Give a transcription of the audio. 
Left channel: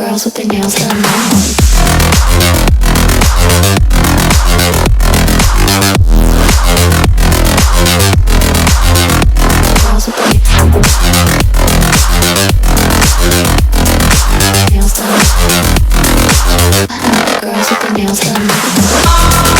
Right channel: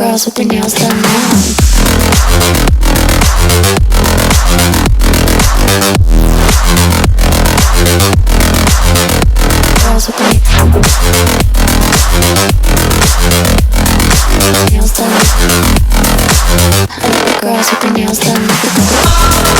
girls with their nails done now. Girls with their nails done. I like the girls with their nails done.